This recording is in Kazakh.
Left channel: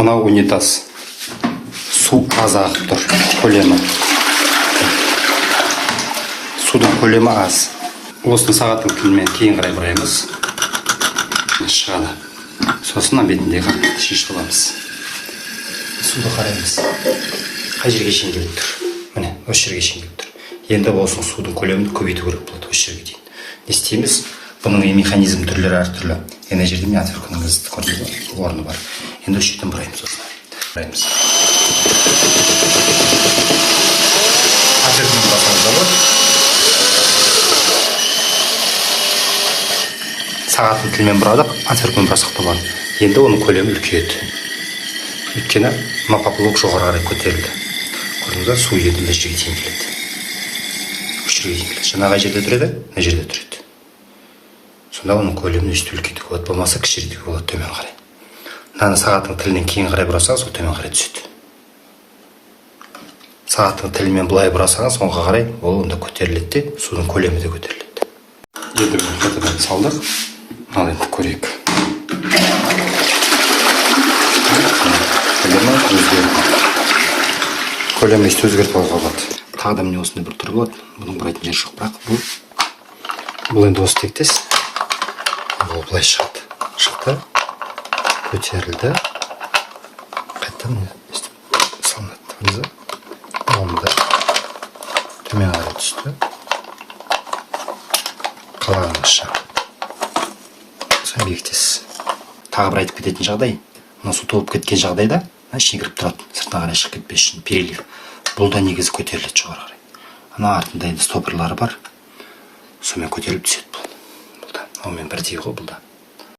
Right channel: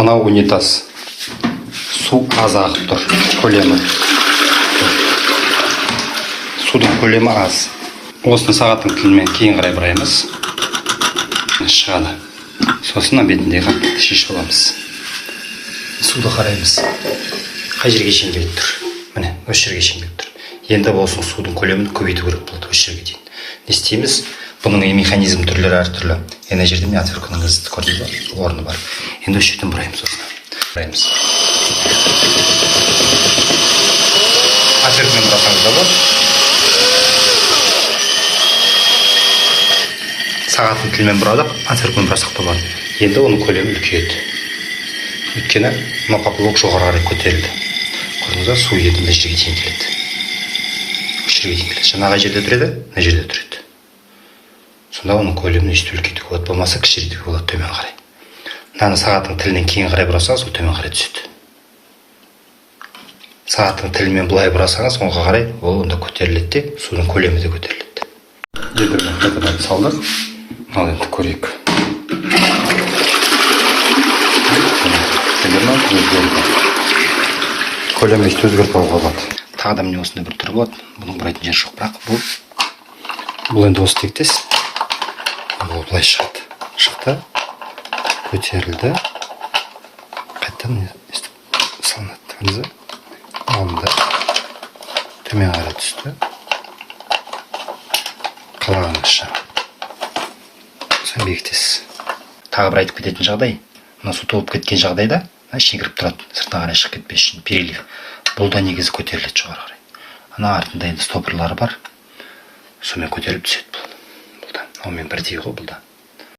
Мынау унитаз. Су аз ағып тұр. Көлемі. Судың көлемі аз. Осыны сағаттың тілімен кейін қарай бұраймыз. Шығады. Сосын бетіндегі қақпақты шешіп аламыз. Суды қараймыз. Қай жерге шейін келіп тұр? Міне, осы жерге шейін келіп тұр. Енді болсын судың көлемін көбейту керек болады осы жерге дейін. Не істейміз? Бұның механизм түрлері әртүрлі. Ана жерде мен отвертканың орны бар. Енді осы жерден бұраймыз осыны. Бұраймыз. Отвертмен бұрасаңыз да болады. Сағаттың тілмен бұрадық, отвертмен бұрасақ та болады. Енді оның көлемі үлкейеді. Өйткені мына поплавок жоғары қарай көтерілді. Көрдіңіз ба, су енді мына жерге дейін келеді. Осы жерге дейін келеді. Жаңа қай жерде тұреді? Мына жерде тұреді. Сонда оның көлемін өстіп үлкейтуге болады, болмаса кішірейтуге болады төмен қарай. Мынаны сағаттың тілінен кейін қарай бұрасаңыз, ол төмен қарай түседі. Сағаттың тілімен былай бұрасаңыз, оңға қарай ол онда көтеріледі де, судың көлемі де көтеріледі. Енді қайтадан салдық. Ал енді көрейік. Көлемін өстіп өзгертіп алуға болады. Тағы да міне осындай бір түрі болады. Бұның бұрайтын жері жоқ, бірақ бұл енді осы тектес. Бұл былай шығады. Шықты, көтерілді. Қайттан өстіп салынады. Онда төмен қарай түсті. Қалғаныңызша. Соны бекітесіз. Тағы бір айтып кететін жағдай. Мына су толып кеткен жағдайда ішіне кіріп тұрады. Сыртына қарай шығып кетпес үшін перелив. Бұл да негізі көтеріледі жоғары қарай. Ана артында енді стопырлары бар. Сонымен көтеріліп түседі бұл. Онымен бірдей ғой бұл да.